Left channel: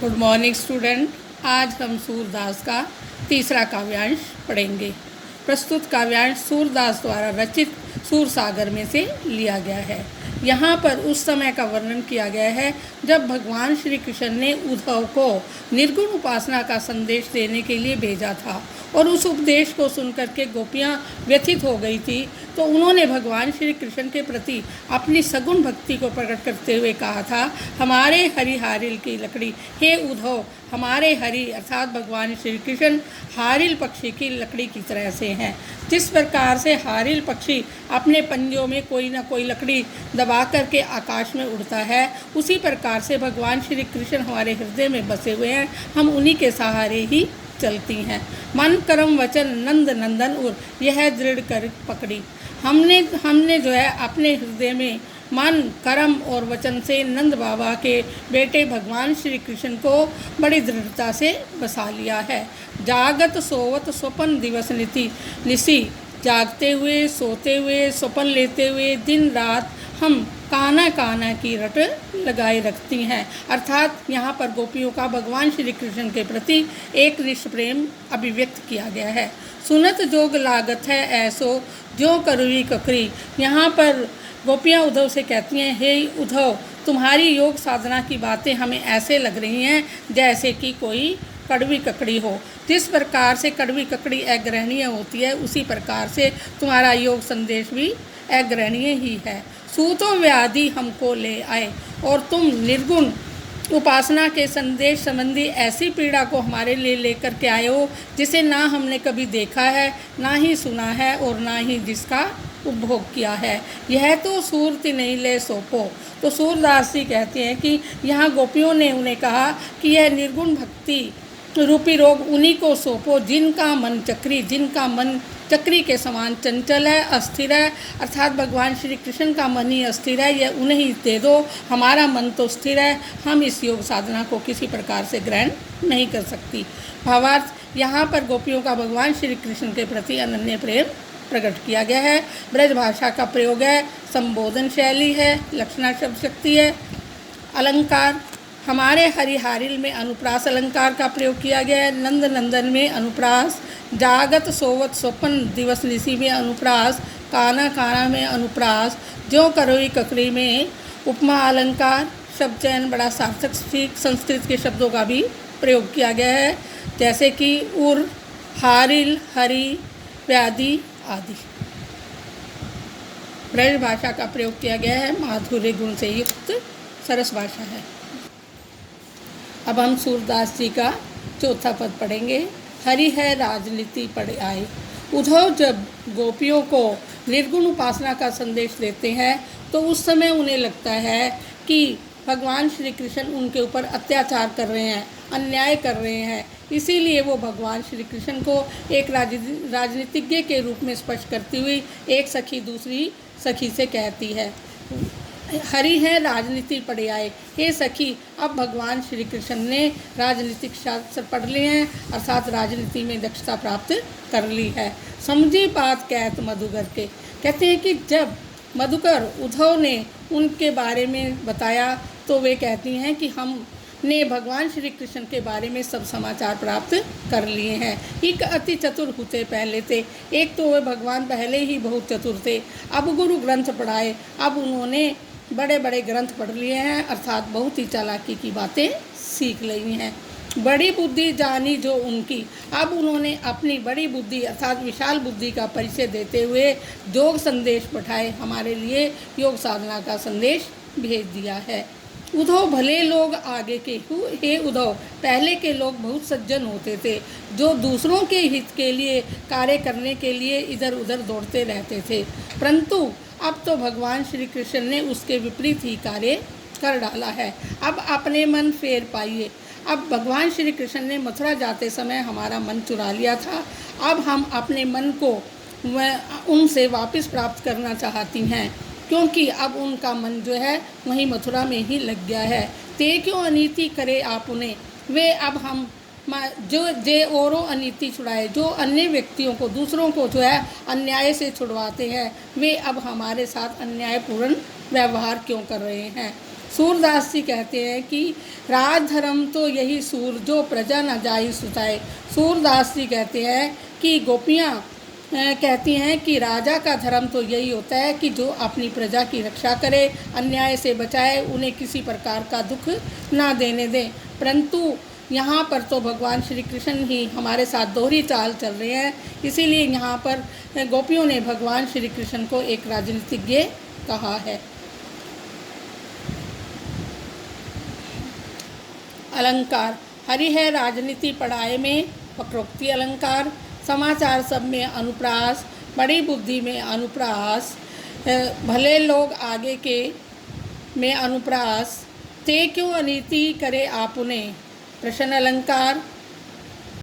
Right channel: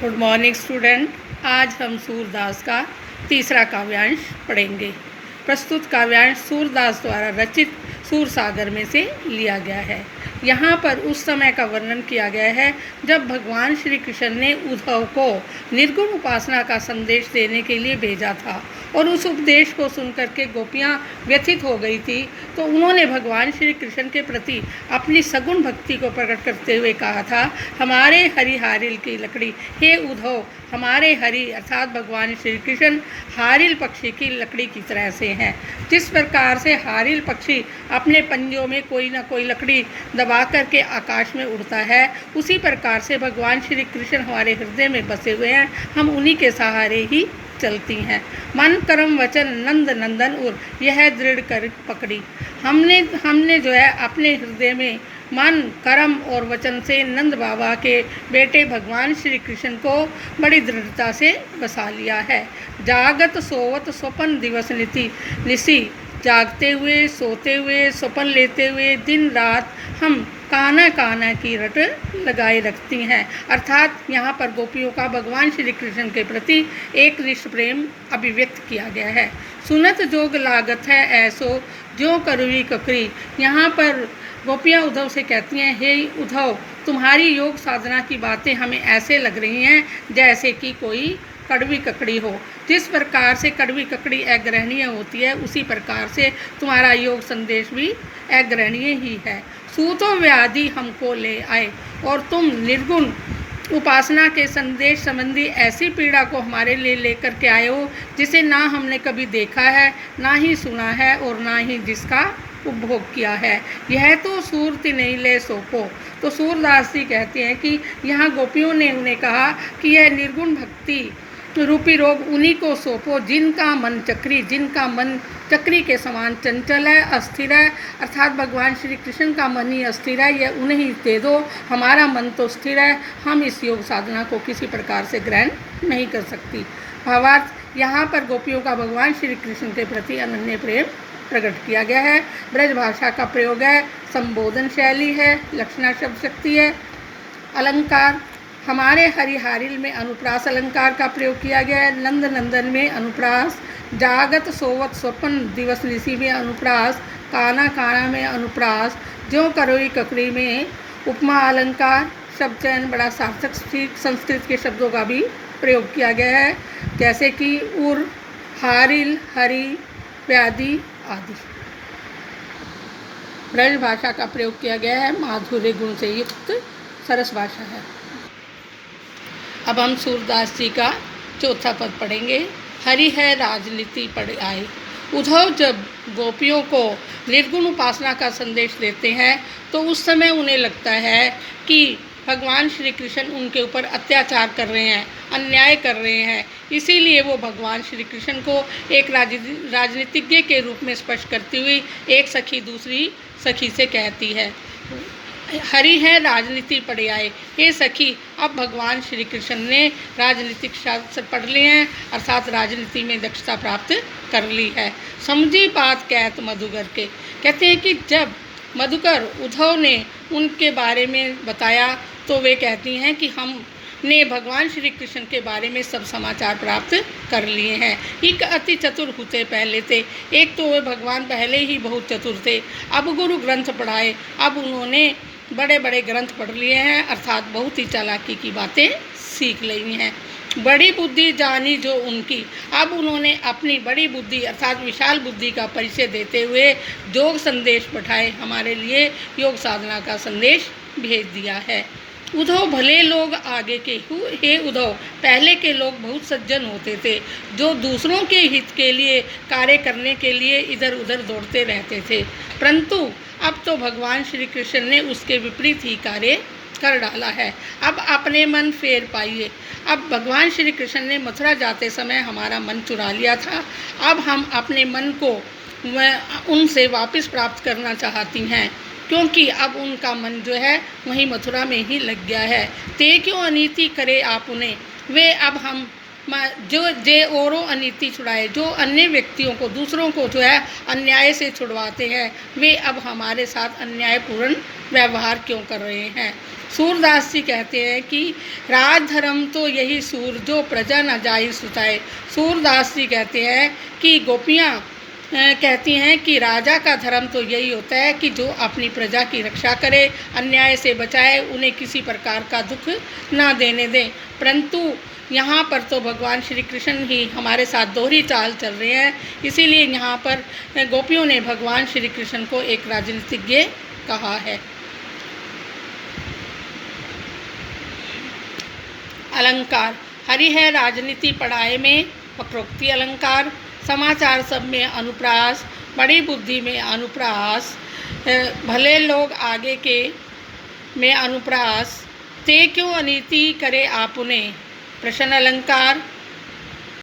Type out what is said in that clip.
Good morning student. आज हम सूरदास का तीसरा काव्यांश पढ़ेंगे। प्रस्तुत काव्यांश सूरदास द्वारा रचित सूरसागर में से लिया गया है। यहाँ पर उस समय का वर्णन किया गया है जब भगवान श्री कृष्ण ने उद्धव को निर्गुण उपासना का संदेश देने के लिए भेजा था और उस उपदेश को सुनकर के गोपियाँ व्यथित हो गई थी। तो उन्होंने भगवान श्री कृष्ण के प्रति अपनी सगुण भक्ति को प्रकट करते हुए कहा था, हमारे हरि हारिल की लकड़ी, हे उद्धव, हमारे हरि अर्थात भगवान श्री कृष्ण हारिल पक्षी की लकड़ी की तरह से हैं। जिस प्रकार से हारिल पक्षी अपने पंजों में कोई ना कोई लकड़ी दबा करके आकाश में उड़ता है, उसी प्रकार से भगवान श्री कृष्ण हमारे हृदय में बसे हुए हैं। हम उन्हीं के सहारे ही चलती हैं। मन कर्म वचन नंद नंदन उर, यह दृढ़ कर पकड़ी। हमने जो है अपने हृदय में मन कर्म और वचन से नंद बाबा के बेटे भगवान श्री कृष्ण को बड़ी दृढ़ता से बसा लिया है। जागत सोवत स्वपन दिवस निसी, जागते हुए सोते हुए स्वपन लेते हुए दिन रात हम काना काना की रट लगाए रखती हैं। अर्थात यहाँ पर गोपियों का भगवान श्री कृष्ण के प्रति एक निष्ठ प्रेम अभिव्यक्त किया गया है। सुनत जोग लागत है ऐसो जो करुई ककरी। यहाँ पर गोपियाँ उद्धव से कहती हैं, हे उद्धव, तुम्हारी योग साधना की बातें हमें ऐसे लग रही हैं जैसे कि कोई कड़वी ककड़ी हो। जिस प्रकार से कड़वी ककड़ी अग्रहणीय होती है, उसी प्रकार से तुम्हारा योग संदेश भी अग्रहणीय ही है। सूतो व्याधि हमको ले आए और तुम निर्गुण उपासना के संदेश संबंधी ऐसी पीड़ा को हमारे लिए लेकर के आए हो जिसे ना हमने कभी देखा है, ना ही सुना है और ना ही जिसका उपभोग किया है। यह तो सूरत नहीं ले सोपो। तो सूरदास जी कहते हैं कि यहाँ गोपियों ने उन्हें कहा कि यह निर्गुण भक्ति रूपी रोग उन्हीं को सौंपो जिनका मन चक्री के समान चंचल है, अस्थिर है। अर्थात भगवान श्री कृष्ण का मन ही अस्थिर है, यह उन्हें ही दे दो। हमारा मन तो स्थिर है, हम इस योग साधना को किसी प्रकार से ग्रहण नहीं कर सकती। भावार्थ, यहाँ पर गोपियों का भगवान श्री कृष्ण के प्रति अनन्य प्रेम प्रकट किया गया है। ब्रज भाषा का प्रयोग है, संबोधन शैली है, लक्षणा शब्द शक्ति है। अलंकार, हमारे हरिहारिल में अनुप्रास अलंकार का प्रयोग किया गया है। नंद नंदन में अनुप्रास, जागत सोवत स्वपन दिवस निसी में अनुप्रास, काना काना में अनुप्रास, जो करोई ककड़ी में उपमा अलंकार, शब्द चयन बड़ा सार्थक संस्कृत के शब्दों का भी प्रयोग किया गया है, जैसे कि उर, हारिल, हरि, व्याधि आदि। ब्रज भाषा का प्रयोग किया गया है, माधुर्य गुण से युक्त सरस भाषा है। अब हम सूरदास जी का चौथा पद पढ़ेंगे। हरि है राजनीति पढ़ आए। उद्धव जब गोपियों को निर्गुण उपासना का संदेश देते हैं तो उस समय उन्हें लगता है कि भगवान श्री कृष्ण उनके ऊपर अत्याचार कर रहे हैं, अन्याय कर रहे हैं। इसीलिए वो भगवान श्री कृष्ण को एक राजनीतिज्ञ के रूप में स्पष्ट करती हुई एक सखी दूसरी सखी से कहती है, हरि है राजनीति पढ़े आए। हे सखी, अब भगवान श्री कृष्ण ने राजनीतिक शास्त्र पढ़ लिए हैं, अर्थात राजनीति में दक्षता प्राप्त कर ली है। समझी बात कहत मधुकर के, कहते हैं कि जब मधुकर उद्धव ने उनके बारे में बताया तो वे कहती हैं कि हमने भगवान श्री कृष्ण के बारे में सब समाचार प्राप्त कर लिए हैं। एक अति चतुर होते पहले थे, एक तो वे भगवान पहले ही बहुत चतुर थे। अब गुरु ग्रंथ पढ़ाए, अब उन्होंने बड़े बड़े ग्रंथ पढ़ लिए हैं, अर्थात बहुत ही चालाकी की बातें सीख ली हैं। बड़ी बुद्धि जानी जो उनकी, अब उन्होंने अपनी बड़ी बुद्धि अर्थात विशाल बुद्धि का परिचय देते हुए योग संदेश पठाए, हमारे लिए योग साधना का संदेश भेज दिया है। उद्धव भले लोग आगे के, हे उद्धव, पहले के लोग बहुत सज्जन होते थे जो दूसरों के हित के लिए कार्य करने के लिए इधर उधर दौड़ते रहते थे, परंतु अब तो भगवान श्री कृष्ण ने उसके विपरीत ही कार्य कर डाला है। अब अपने मन फेर पाइए। अब भगवान श्री कृष्ण ने मथुरा जाते समय हमारा मन चुरा लिया था, अब हम अपने मन को उनसे वापस प्राप्त करना चाहती हैं, क्योंकि अब उनका मन जो है वहीं मथुरा में ही लग गया है। ते क्यों अनीति करे आप उन्हें, वे अब हम जो जे औरों अनीति छुड़ाए, जो अन्य व्यक्तियों को दूसरों को जो है अन्याय से छुड़वाते हैं, वे अब हमारे साथ अन्यायपूर्ण व्यवहार क्यों कर रहे हैं। सूरदास जी कहते हैं कि राज धर्म तो यही सूर जो प्रजा न जाई सुताए। सूरदास जी कहते हैं कि गोपियाँ कहती हैं कि राजा का धर्म तो यही होता है कि जो अपनी प्रजा की रक्षा करे, अन्याय से बचाए, उन्हें किसी प्रकार का दुख ना देने दें। परंतु यहाँ पर तो भगवान श्री कृष्ण ही हमारे साथ दोहरी चाल चल रहे हैं, इसीलिए यहाँ पर गोपियों ने भगवान श्री कृष्ण को एक राजनीतिज्ञ कहा है। अलंकार। हरि है राजनीति पढ़ाए में वक्रोक्ति अलंकार। समाचार सब में अनुप्रास, बड़ी बुद्धि में अनुप्रास, भले लोग आगे के में अनुप्रास, ते क्यों अनीति करे आपुने। प्रश्न अलंकार।